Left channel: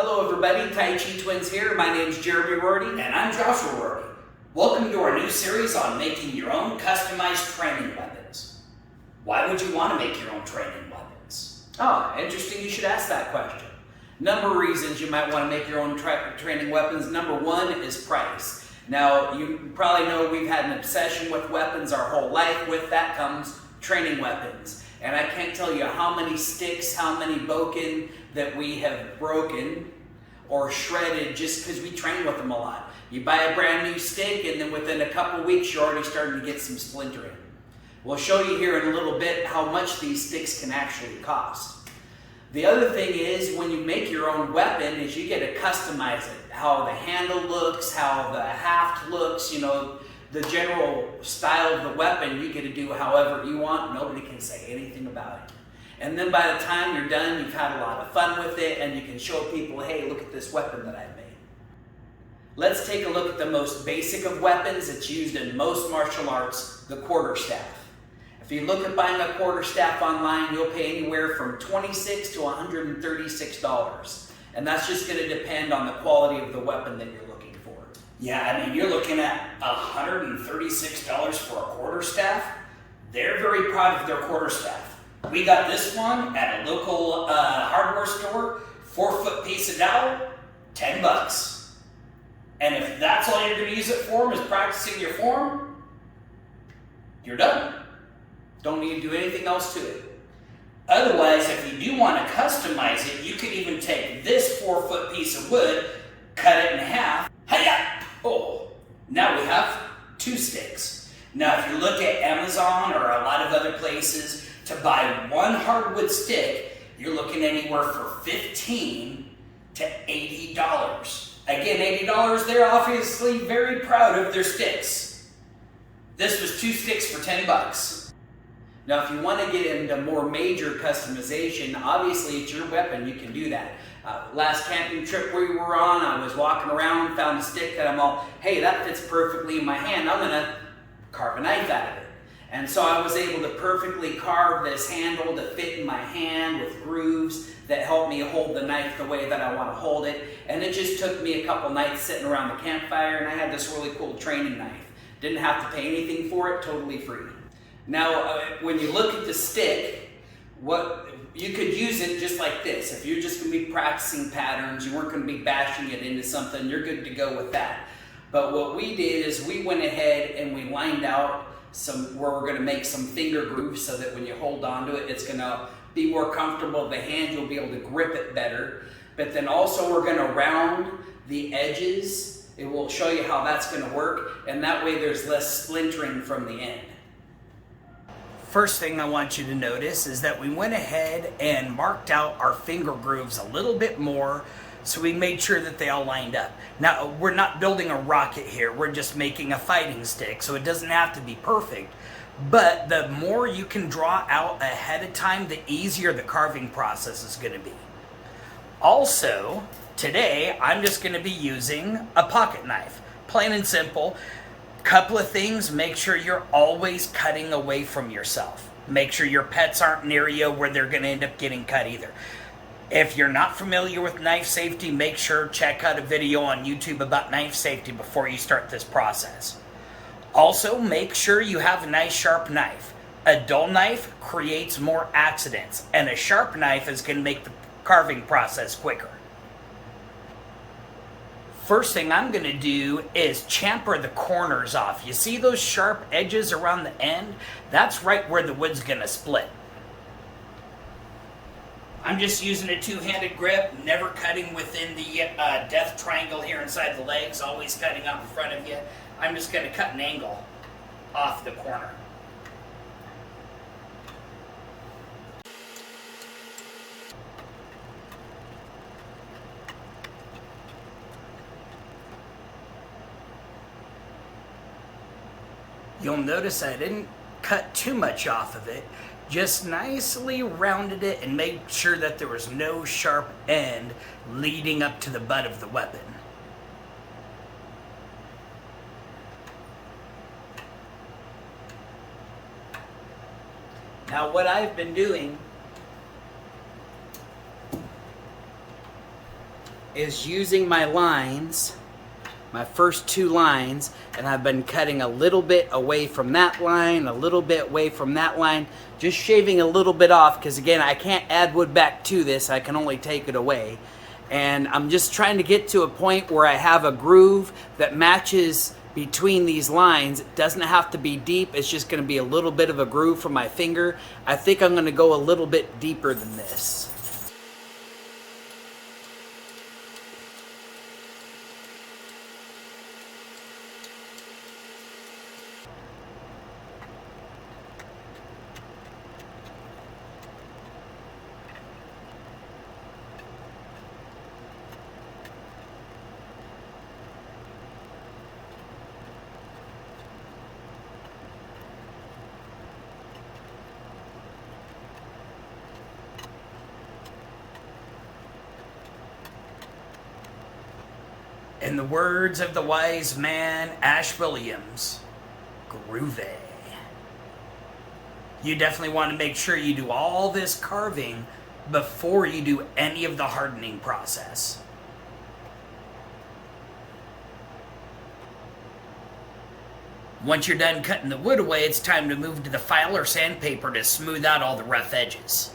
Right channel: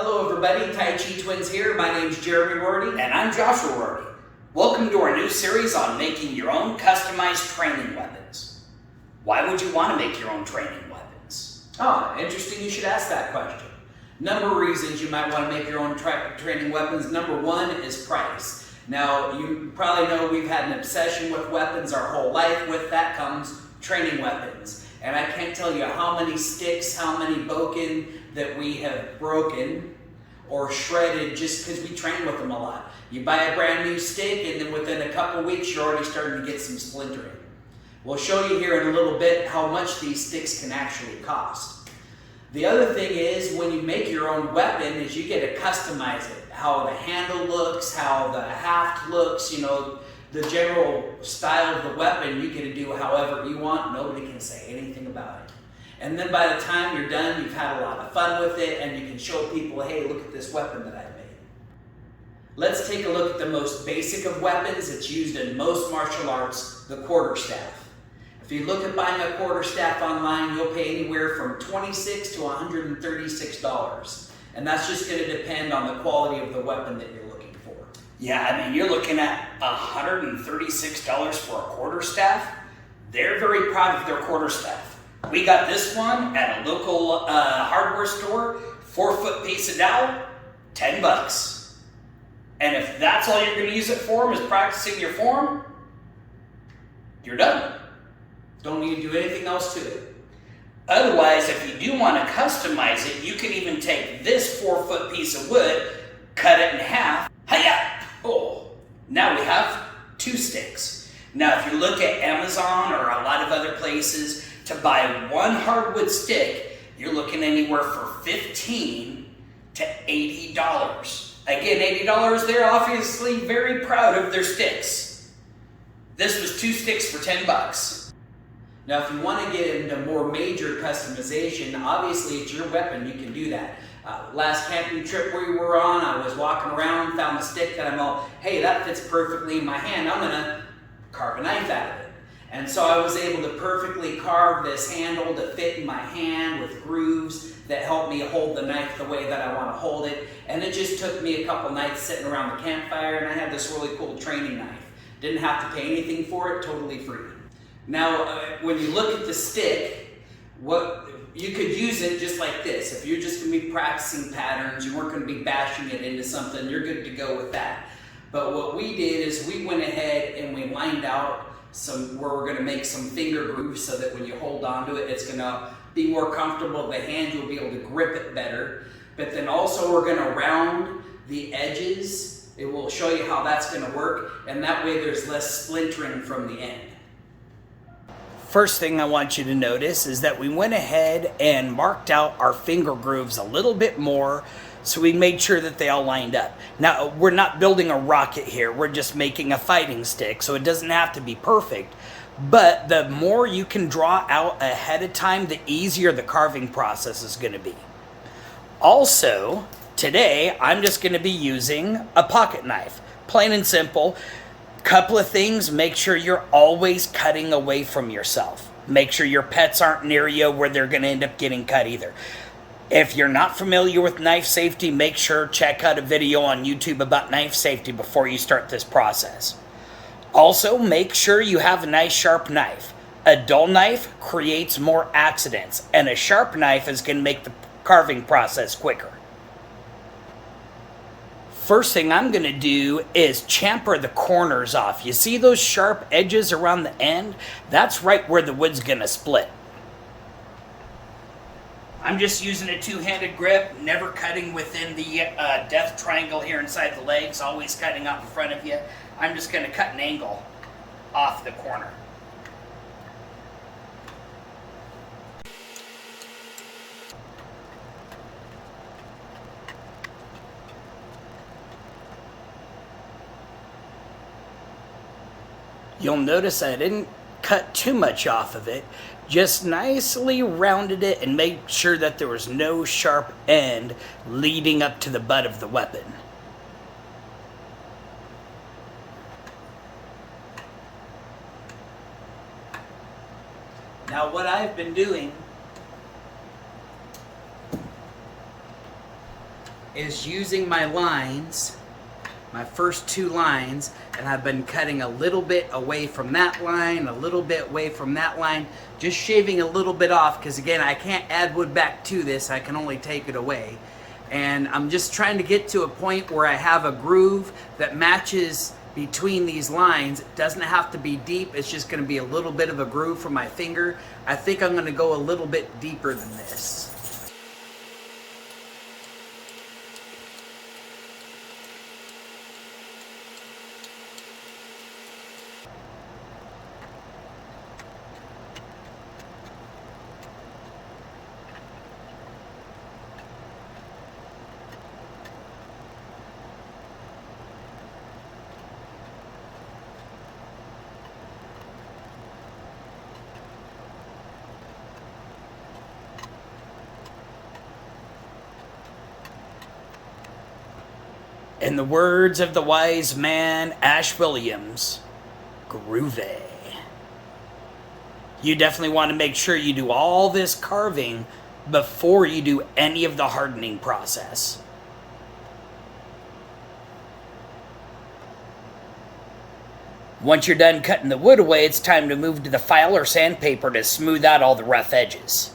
Hello everybody, Tai Chi Twins here. My name's Jeremy Rorty. And I'm Joshua Rorty. Welcome to our new series on making your own customized training weapons. Why would you want to make your own training weapons? Oh, interesting you should ask that question. Number of reasons you might want to make your own training weapons. Number one is price. Now, you probably know we've had an obsession with weapons our whole life. With that comes training weapons. And I can't tell you how many sticks, how many bokken that we have broken or shredded just because we train with them a lot. You buy a brand new stick and then within a couple weeks you're already starting to get some splintering. We'll show you here in a little bit how much these sticks can actually cost. The other thing is when you make your own weapon is you get to customize it. How the handle looks, how the haft looks, you know, the general style of the weapon you get to do however you want. Nobody can say anything about it. And then by the time you're done, you've had a lot of fun with it and you can show people, hey, look at this weapon that I made. Let's take a look at the most basic of weapons. It's used in most martial arts, the quarterstaff. If you look at buying a quarterstaff online, you'll pay anywhere from $26 to $136. And that's just going to depend on the quality of the weapon that you're looking for. Yeah, I mean, you're looking at $136 for a quarterstaff. They're very proud of their quarterstaff. We got this one at a local hardware store, 4-foot piece of dowel, $10. And if that's all you're going to use it for is practicing your form, you're done. Don't need to do anything else to it. Otherwise, if you do want to customize it, you can even take this 4-foot piece of wood, cut it in half. Hiya! Oh, now we have 2 sticks. Now, if you look at Amazon or a lot of other places, to buy one hardwood stick, you're looking anywhere for $15 to $80. Again, $80, they're obviously very proud of their sticks. This was 2 sticks for $10. Now, if you want to get into more major customization, obviously it's your weapon, you can do that. Last camping trip we were on, I was walking around, found a stick that I'm all, hey, that fits perfectly in my hand, I'm gonna carve a knife out of it. And so I was able to perfectly carve this handle to fit in my hand with grooves that help me hold the knife the way that I want to hold it. And it just took me a couple nights sitting around the campfire and I had this really cool training knife. Didn't have to pay anything for it, totally free. Now, when you look at the stick, you could use it just like this. If you're just going to be practicing patterns, you weren't going to be bashing it into something, you're good to go with that. But what we did is we went ahead and we lined out where we're going to make some finger grooves so that when you hold onto it, it's going to be more comfortable. The hand, you'll be able to grip it better. But then also we're going to round the edges. It will show you how that's going to work. And that way there's less splintering from the end. First thing I want you to notice is that we went ahead and marked out our finger grooves a little bit more so we made sure that they all lined up. Now, we're not building a rocket here, we're just making a fighting stick, so it doesn't have to be perfect. But the more you can draw out ahead of time, the easier the carving process is going to be. Also, today, I'm just going to be using a pocket knife. Plain and simple. Couple of things, make sure you're always cutting away from yourself. Make sure your pets aren't near you where they're going to end up getting cut either. If you're not familiar with knife safety, make sure check out a video on YouTube about knife safety before you start this process. Also, make sure you have a nice sharp knife. A dull knife creates more accidents, and a sharp knife is going to make the carving process quicker. First thing I'm going to do is chamfer the corners off. You see those sharp edges around the end? That's right where the wood's going to split. I'm just using a 2-handed grip, never cutting within the death triangle here inside the legs, always cutting out in front of you. I'm just going to cut an angle off the corner. You'll notice I didn't cut too much off of it, just nicely rounded it and made sure that there was no sharp end leading up to the butt of the weapon. Now what I've been doing is using my lines, my first 2 lines, and I've been cutting a little bit away from that line, a little bit away from that line, just shaving a little bit off, because again, I can't add wood back to this, I can only take it away. And I'm just trying to get to a point where I have a groove that matches between these lines. It doesn't have to be deep, it's just going to be a little bit of a groove for my finger. I think I'm going to go a little bit deeper than this. In the words of the wise man, Ash Williams, groovy. You definitely want to make sure you do all this carving before you do any of the hardening process. Once you're done cutting the wood away, it's time to move to the file or sandpaper to smooth out all the rough edges.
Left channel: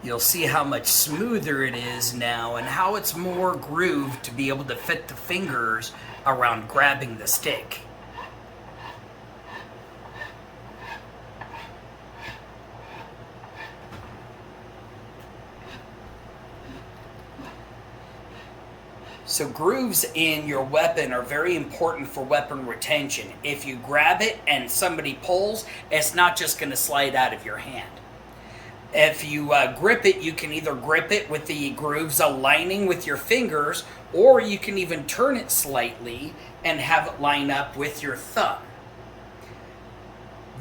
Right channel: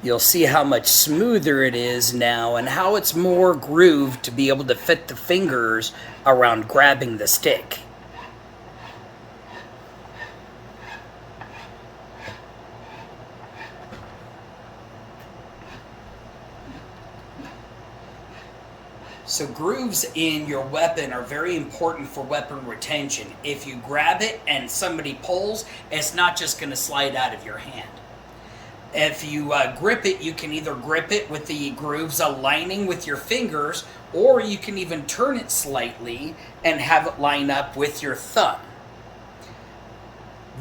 You'll see how much smoother it is now and how it's more grooved to be able to fit the fingers around grabbing the stick. So grooves in your weapon are very important for weapon retention. If you grab it and somebody pulls, it's not just going to slide out of your hand. If you grip it, you can either grip it with the grooves aligning with your fingers, or you can even turn it slightly and have it line up with your thumb.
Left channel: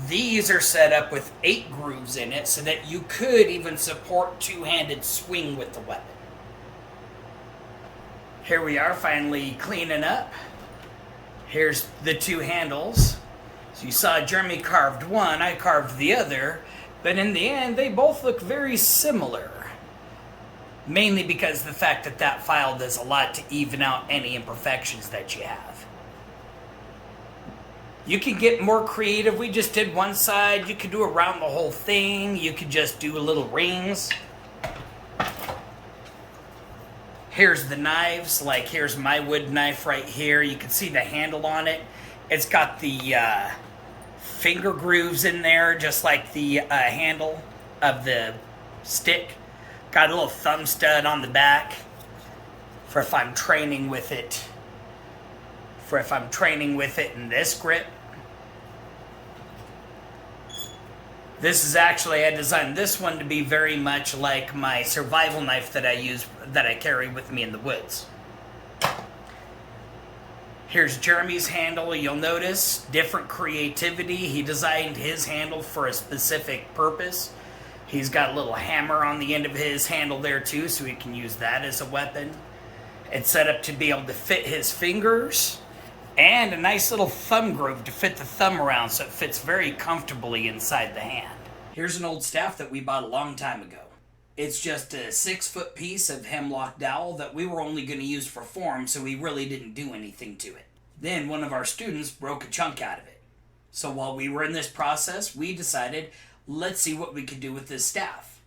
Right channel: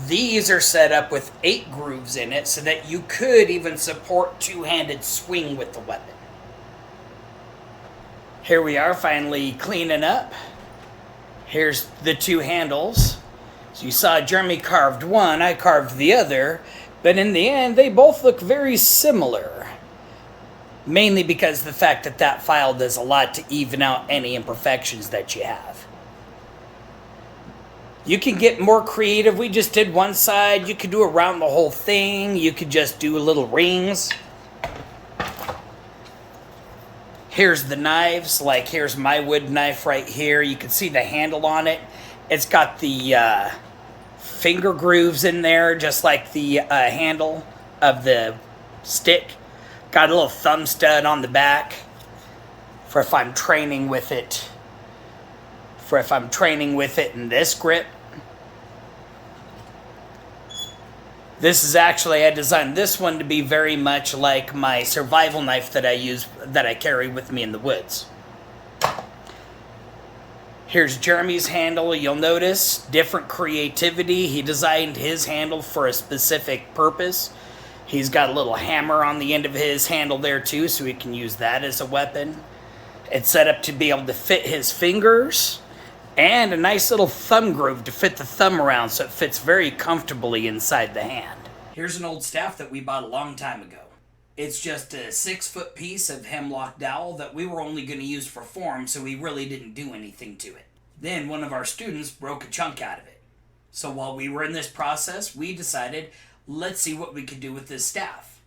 These are set up with 8 grooves in it so that you could even support two-handed swing with the weapon. Here we are finally cleaning up. Here's the 2 handles. So you saw Jeremy carved one, I carved the other. But in the end, they both look very similar. Mainly because the fact that that file does a lot to even out any imperfections that you have. You can get more creative. We just did one side. You could do around the whole thing. You could just do little rings. Here's the knives. Like here's my wood knife right here. You can see the handle on it. It's got the finger grooves in there, just like the handle of the stick. Got a little thumb stud on the back for if I'm training with it. In this grip. This is actually, I designed this one to be very much like my survival knife that I carry with me in the woods. Here's Jeremy's handle. You'll notice different creativity. He designed his handle for a specific purpose. He's got a little hammer on the end of his handle there too, so he can use that as a weapon. It's set up to be able to fit his fingers, and a nice little thumb groove to fit the thumb around so it fits very comfortably inside the hand. Here's an old staff that we bought a long time ago. It's just a 6-foot piece of hemlock dowel that we were only going to use for form, so we really didn't do anything to it. Then one of our students broke a chunk out of it. So while we were in this process, we decided, let's see what we could do with this staff.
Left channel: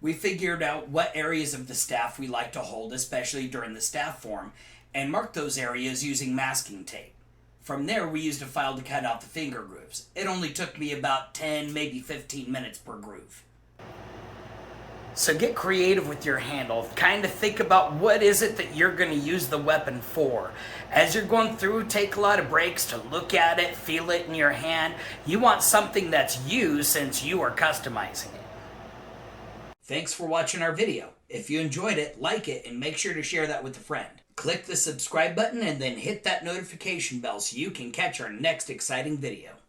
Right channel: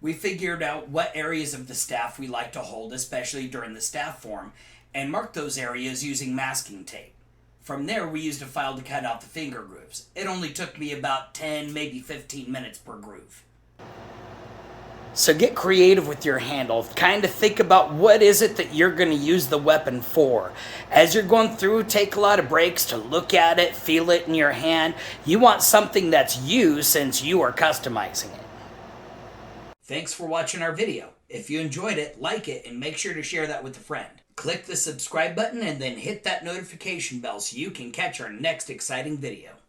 We figured out what areas of the staff we like to hold, especially during the staff form, and marked those areas using masking tape. From there, we used a file to cut out the finger grooves. It only took me about 10, maybe 15 minutes per groove. So get creative with your handle. Kind of think about what is it that you're going to use the weapon for. As you're going through, take a lot of breaks to look at it, feel it in your hand. You want something that's you since you are customizing it. Thanks for watching our video. If you enjoyed it, like it, and make sure to share that with a friend. Click the subscribe button and then hit that notification bell so you can catch our next exciting video.